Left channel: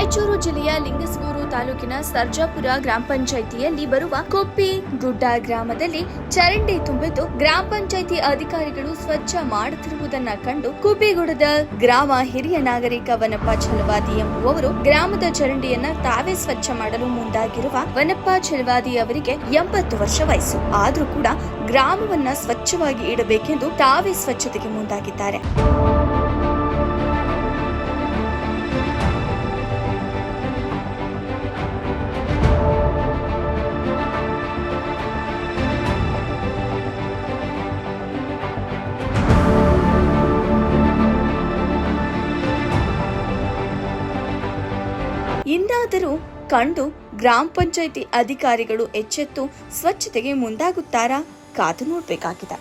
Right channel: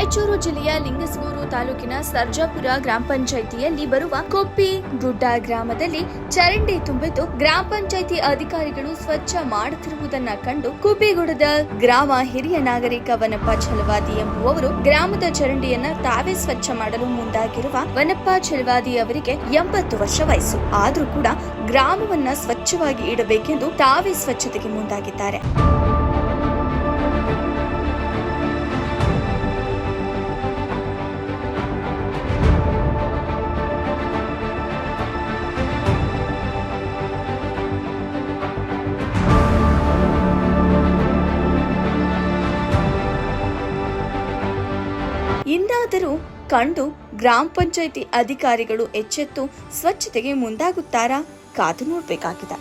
ರಾಯಚೂರು ಜಿಲ್ಲೆಯ ಲಿಂಗಸಗೂರು ತಾಲೂಕಿನ ಸರ್ಜಾಪುರ ಗ್ರಾಮ ಪಂಚಾಯಿತಿಯಲ್ಲಿ ಬರುವ ಕೊಪ್ಪಿ ಗುಡ್ಡ ಗ್ರಾಮದಲ್ಲಿ ಚರಂಡಿ ತುಂಬಿದ್ದು ಗ್ರಾಮ ಪಂಚಾಯಿತಿ ಅಧಿಕಾರಿಗಳು ಸ್ವಚ್ಛ ಮಾಡುತ್ತಿರುವುದನ್ನ ಕಂಡು ಕುಬ್ಬಿಗುಡದ ಗ್ರಾಮ ಹಿರಿಯ ನಾಗರಿಕ ವನಪ್ಪ ಛಲವಾದಿ ಎಂಬುವವರು ಗ್ರಾಮದ ಚರಂಡಿಯನ್ನ ತಾವೇ ಸ್ವಚ್ಛ ಮಾಡಲು ಮುಂದಾಗಿರುವ ವನಪ್ಪ ಛಲವಾದಿ ಅವರಿಗೆ 80 ವರ್ಷ ವಯಸ್ಸು ಆದ್ರೂ ಕೂಡ ಗ್ರಾಮವನ್ನ ಸ್ವಚ್ಛವಾಗಿ ಇಡಬೇಕೆಂದು ತಾವೇ ಸ್ವಚ್ಛತೆಗೆ ಮುಂದಾಗಿದ್ದಾರೆ. ಇಂದಾದರೂ ಕಂಡು ಗ್ರಾಮ ಪಂಚಾಯಿತಿ ಅಧಿಕಾರಿಗಳು ಎಚ್ಚೆತ್ತು ಸ್ವಚ್ಛತೆಗೆ ಮುಂದಾಗುತ್ತಾರಾ? ಕಾದು ನೋಡಬೇಕಾಗಿದೆ.